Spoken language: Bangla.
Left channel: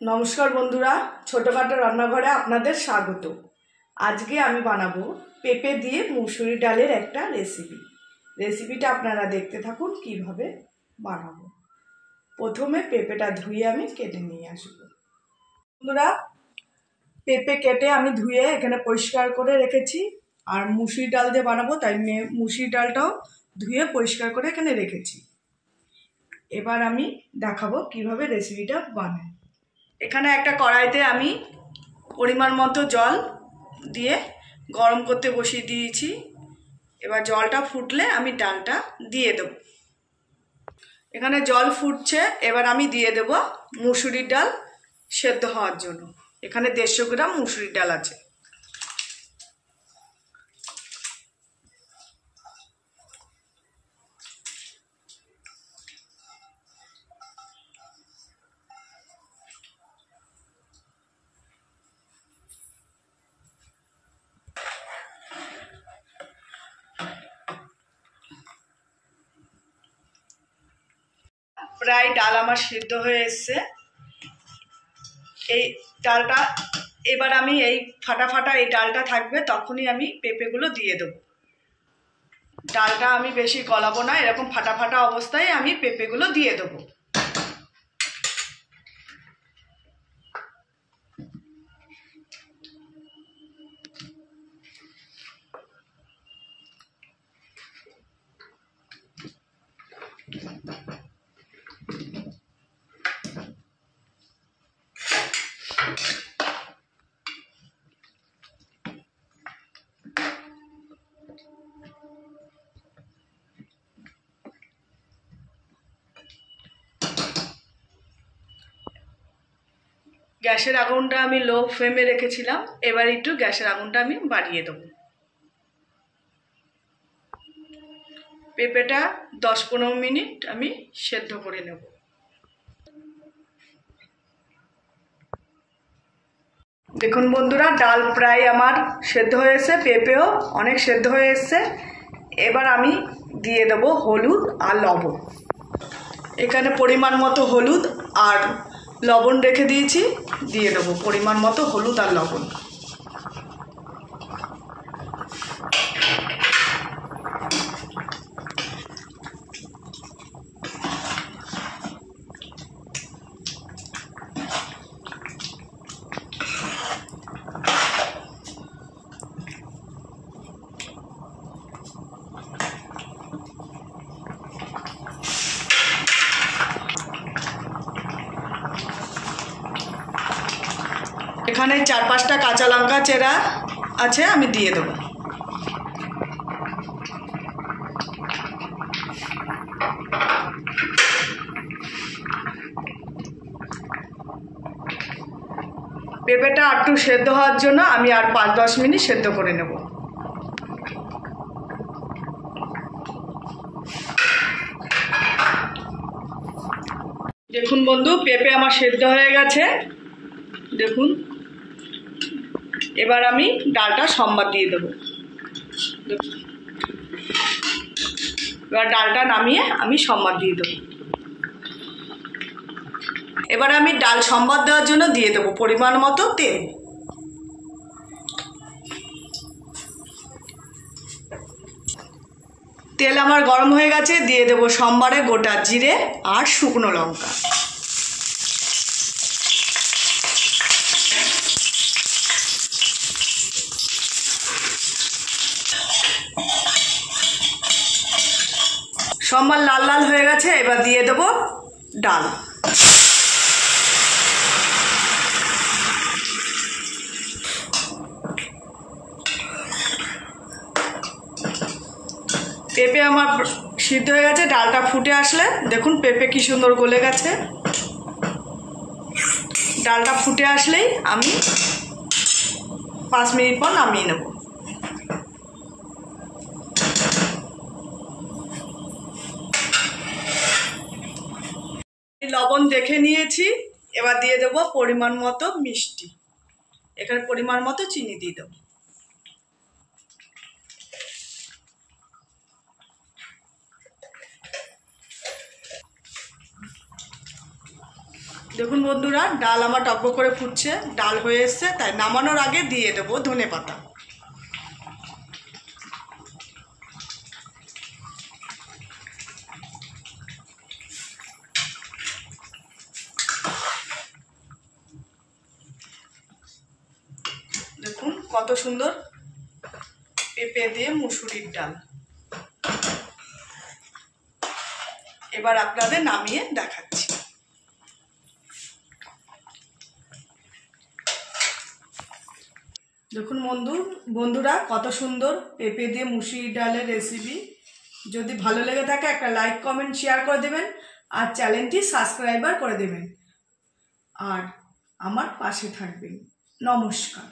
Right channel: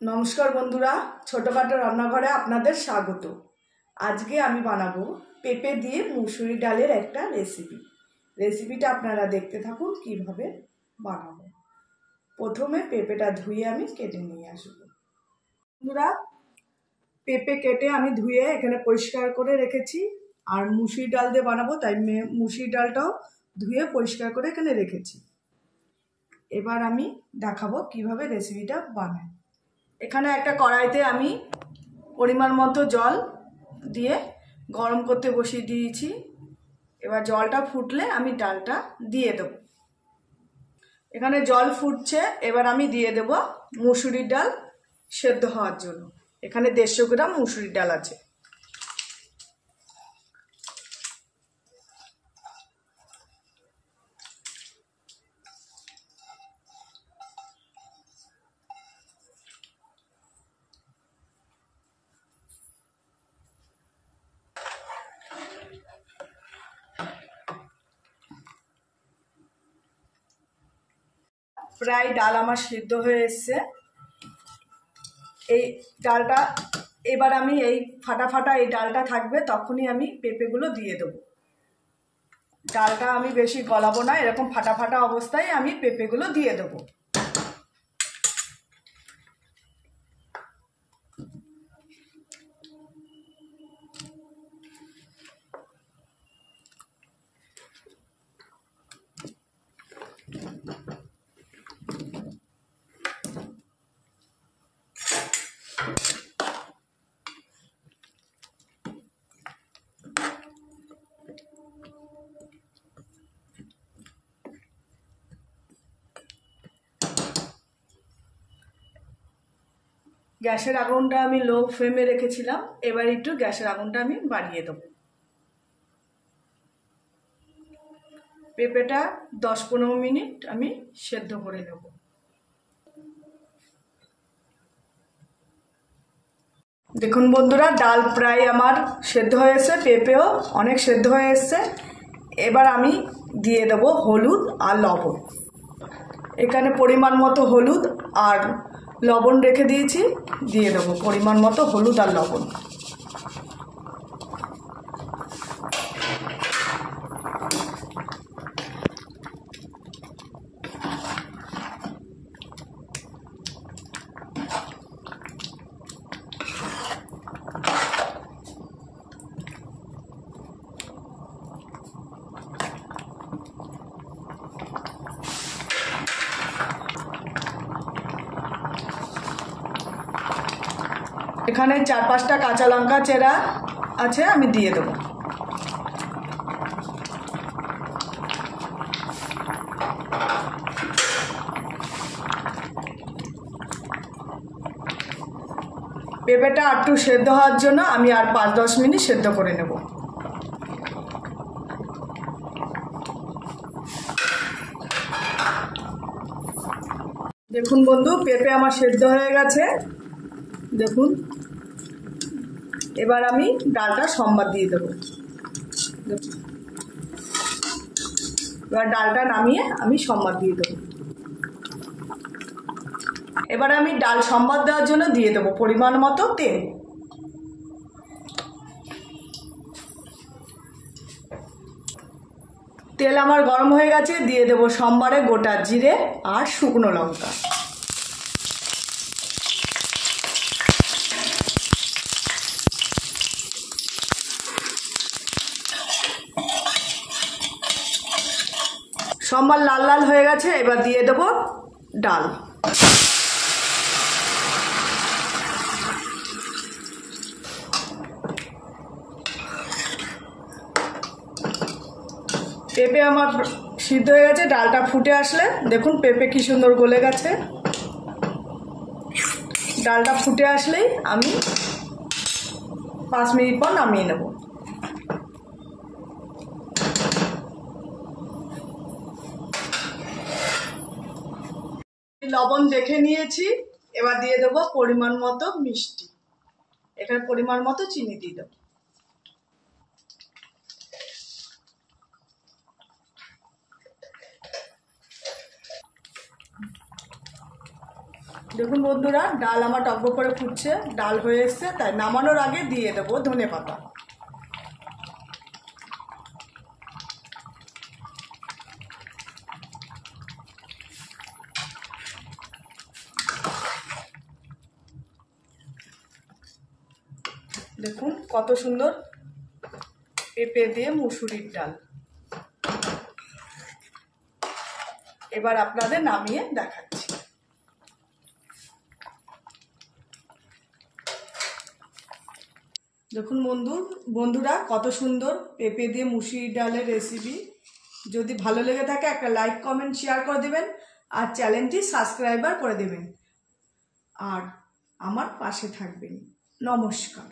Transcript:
নমস্কার বন্ধুরা, ছোটখাটো রান্নাঘরে আপনাদের স্বাগত। আজকে আমি বানাবো পেঁপে দিয়ে মুসুরি ডালের একটা রেসিপিটা আপনারা দেখতে থাকুন কিভাবে বানাবো। প্রথমে পেঁপেটা ধুয়ে আমি কেটে নিয়ে আসবো। বন্ধুরা, পেঁপে কেটে আমি ধুয়ে এখানে পরিষ্কার করে রেখেছি। আর মুসুরি ডাল দিয়ে বানাবো, তাই মুসুরি ডালটাও ধুয়ে পরিষ্কার করে এখানে রেখেছি। এবার আমি দেখাবো কিভাবে রেসিপিটা বানাই। এখানে একটা কড়াইতে আমি পরিমাণ মতো জল দিয়ে গরম করতে বসিয়ে দিয়েছি। এবার জলটা ফুটলে আমি ডালটা দিয়ে দেব। এখানে জল ফুটছে, এবার আমি দিয়ে দেব মুসুরির ডাল সেদ্ধ হওয়ার জন্য। এখানে 150 গ্রাম মুসুরির ডাল আছে। প্রায় ডাল আমার সিদ্ধ হয়ে এসছে। এই ডালটা এবার আমি এই ফাটা এই ডালটা থাকবে, তখনই আমি পেঁপেগুলো দিয়ে দেবো। ডালটা আমি বেশি গলাবো না, এরকম ফাটা অবস্থায় আমি পেঁপেগুলো দিয়ে দেবো। গ্যাসের আগুনটা আমি লো ফ্লেমে রেখেছিলাম, এবার একটু গ্যাসের আগুনটা আমি বাড়িয়ে দেবো। পেঁপেটা 10-15 মিনিট আমি সেদ্ধ করে নেব। দেখুন বন্ধুরা, ডাল প্রায় আমার সেদ্ধ হয়েছে, পেঁপেও অনেক সেদ্ধ হয়ে এসছে। এবার আমি দিয়ে দেব হলুদ আর লবণ। এখানে পরিমাণ মতো হলুদ আর লবণ রেখে দিয়েছি, দিয়ে দেবো পরিমাণ মতো হলুদ আর লবণ। এখানে 4-5টা কাঁচা লঙ্কা চেরা আছে, আমি দিয়ে দেবো। পেঁপেটা একটু সেদ্ধ হওয়ার জন্য আমি আর 5-10 মিনিট সেদ্ধ করে নেব। দেখুন বন্ধু, পেঁপে আমার সেদ্ধ হয়ে গেছে, দেখুন। এবার আমি ডালটা সম্বাদ দিয়ে দেবো। এবার ডালটা নামিয়ে আমি সম্বাদ দিয়ে দেবো। এবার আমি ডাল সম্বাদ দেওয়ার জন্য দিয়ে দেবো পরিমাণ মতো তেল। তেল আমার গরম হয়ে গেছে, দিয়ে দেবো সম্বারে গোটা জিরে আর শুকনো লঙ্কা। সম্বার লাল লাল হয়ে গেছে, এবার দিয়ে দেবো ডাল। পেঁপে আমার সিদ্ধ হয়ে গেছে, ডালটা ফুটে আসলে দেখুন পেঁপে কি সুন্দর গলে গেছে। ডালটা ফুটে আসলেই আমি 5 মিনিট পর নামিয়ে নেব। লবণ দেখে নিয়েছি, এবার দিয়ে দেব পরিমাণ মতো মিষ্টি। এখানে পরিমাণ মতো চিনি দিয়ে দেবো। দেখুন বন্ধুরা, ডাল আমার টকবক করে ফুটছে, ডাল হয়ে এসছে, তাই নামানোর আগে দিয়ে দেবো ধনেপাতা। দেখুন কত সুন্দর পেঁপে দিয়ে মুসুরির ডাল। এবার আপনাদের নামিয়ে দেখাচ্ছি। দেখুন বন্ধুরা কত সুন্দর পেঁপে দিয়ে মুসুরির ডালের রেসিপি। যদি ভালো লেগে থাকে একটা লাইক কমেন্ট শেয়ার করে দেবেন, আর চ্যানেলটি সাবস্ক্রাইবার করে দেবেন, আর আমার পাশে থাকবেন। নমস্কার।